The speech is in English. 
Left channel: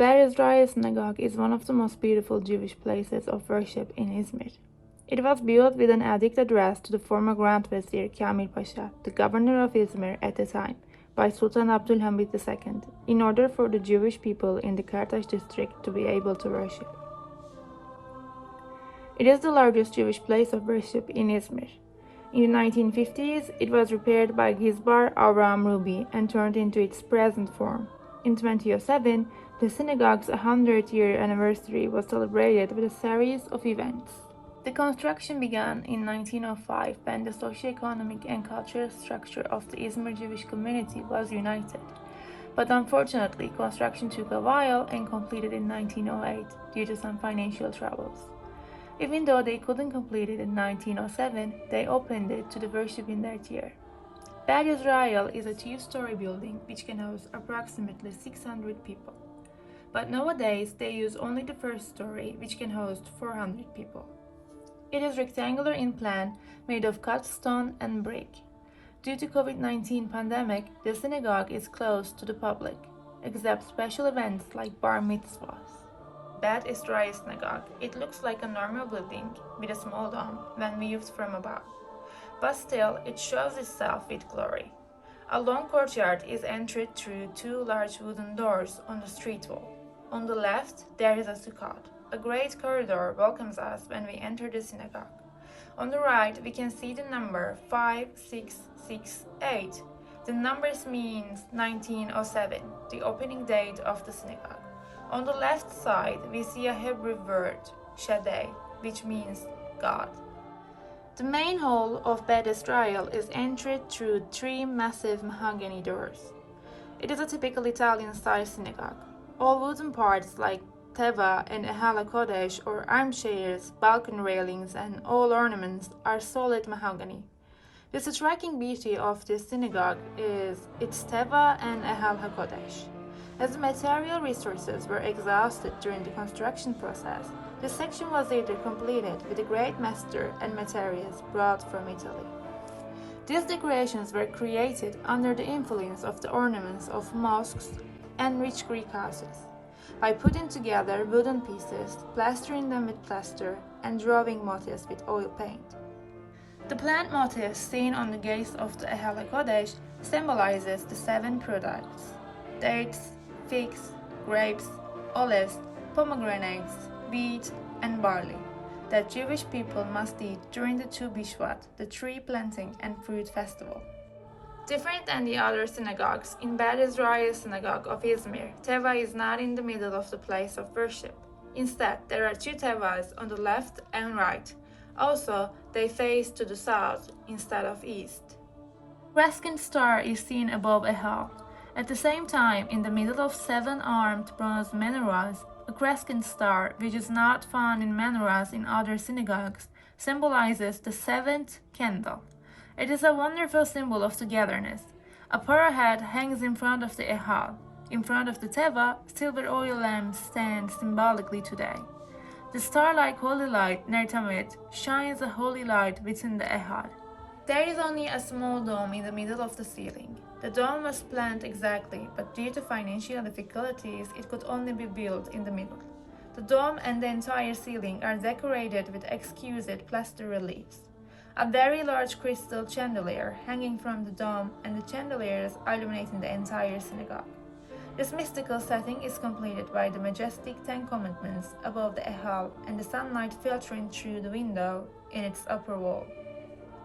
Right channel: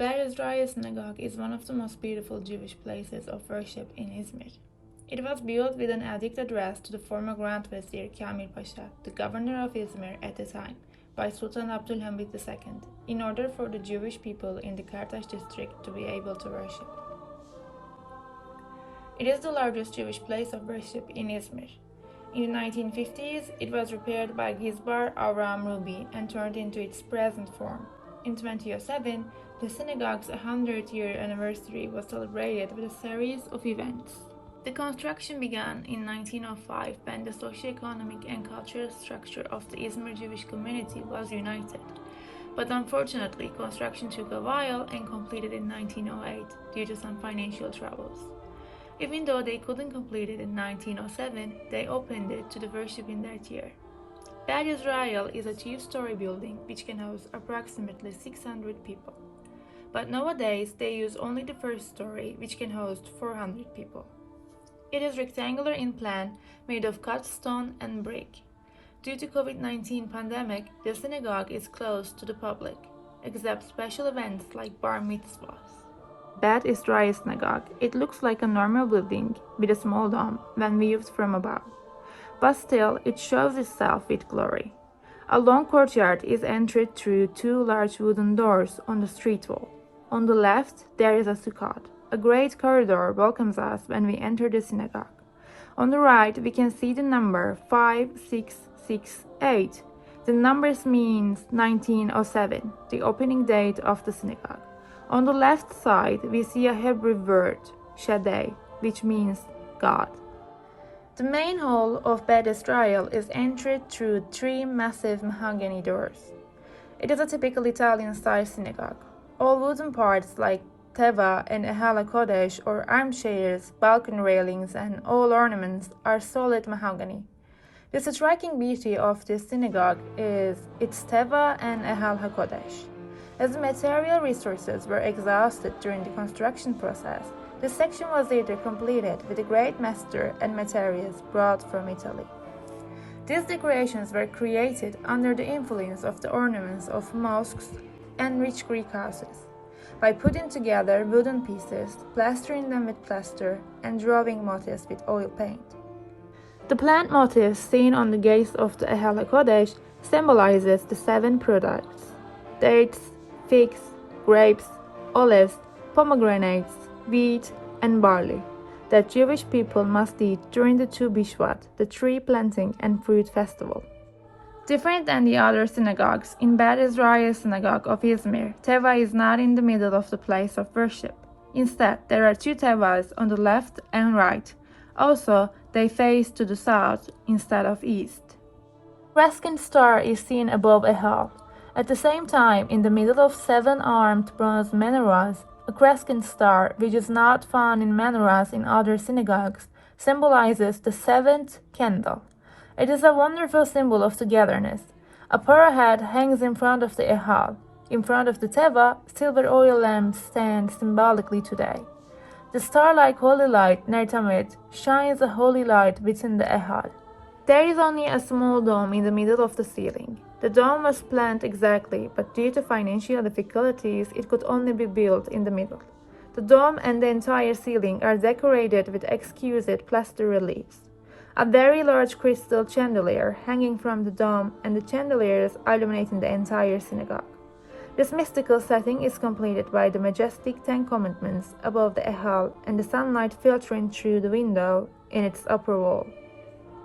Beth Synagogue is one of the most beautiful Jewish places of worship in Izmir. It was built with an edict addressed to the former Grand Vizier Kamil Pasha, the governor of Izmir at the time, by Sultan Abdülhamid II, in order for the Jewish people in the Kartaş district to be able to worship. It is the largest Jewish place of worship in Izmir. In the 1950s, it was repaired by Gizbar Avram Ruby and turned into its present form. In 2007, the synagogue's 100-year anniversary was celebrated with a series of events. The construction began in 1905 when the socio-economic and cultural structure of the Izmir Jewish community was united. But unfortunately, construction took a while and completed in 1908 due to some financial troubles. Even though they couldn't complete it in 1907, they opened it to the worship in that year. Beth Israel is a two-story building which can house approximately 600 people. But nowadays, they use only the first story, which can host 400 people. It is rectangular in plan, made of cut stone and brick. Due to COVID-19 pandemic, the synagogue is closed to the public, except special events like bar mitzvahs. Beth Israel Synagogue. It looks like a normal building with a small dome when viewed from above. But still, it shows itself with glory. A long courtyard is entered through two large wooden doors on the street wall. On the left, there is a sukkot. A great corridor welcomes us when we enter the synagogue. On the right, we can see the number 5668. The numbers means 1907, the opening date of the synagogue. On the left side, we see a Hebrew word, Shaddai, which means God. The main hall of Beth Israel is entered through three massive mahogany doors. It is a typical Italian-style synagogue. All wooden parts like teva and Ehala Kodesh or armchairs, balcony railings, and all ornaments are solid mahogany. The striking beauty of this synagogue is its teva and Ehal HaKodesh. As the material resources were exhausted during the construction process, this section was later completed with a great master and materials brought from Italy. These decorations were created under the influence of the ornaments of mosques and rich Greek houses, by putting together wooden pieces, plastering them with plaster, and drawing motifs with oil paint. The plant motifs seen on the gates of the Ehal HaKodesh symbolizes the 7 products: dates, figs, grapes, olives, pomegranates, wheat, and barley that Jewish people must eat during the Tu Bishvat, the tree planting and fruit festival. Different than the other synagogues, in Beth Israel Synagogue of Izmir, teva is not in the middle of the place of worship. Instead, there are 2 tevas on the left and right. Also, they face to the south instead of east. Crescent star is seen above a hall. At the same time, in the middle of 7 armed bronze menorahs, a crescent star, which is not found in menorahs in other synagogues, symbolizes the 7th candle. It is a wonderful symbol of togetherness. A parah head hangs in front of the ehal. In front of the teva, silver oil lamps stand symbolically today. The star-like holy light, Ner Tamid, shines a holy light within the ehal. There is only a small dome in the middle of the ceiling. The dome was planned exactly, but due to financial difficulties, it could only be built in the middle. The dome and the entire ceiling are decorated with exquisite plaster reliefs. A very large crystal chandelier hanging from the dome and the chandeliers illuminating the entire synagogue. This mystical setting is completed by the majestic 10 commandments above the ehal and the sunlight filtering through the window in its upper wall.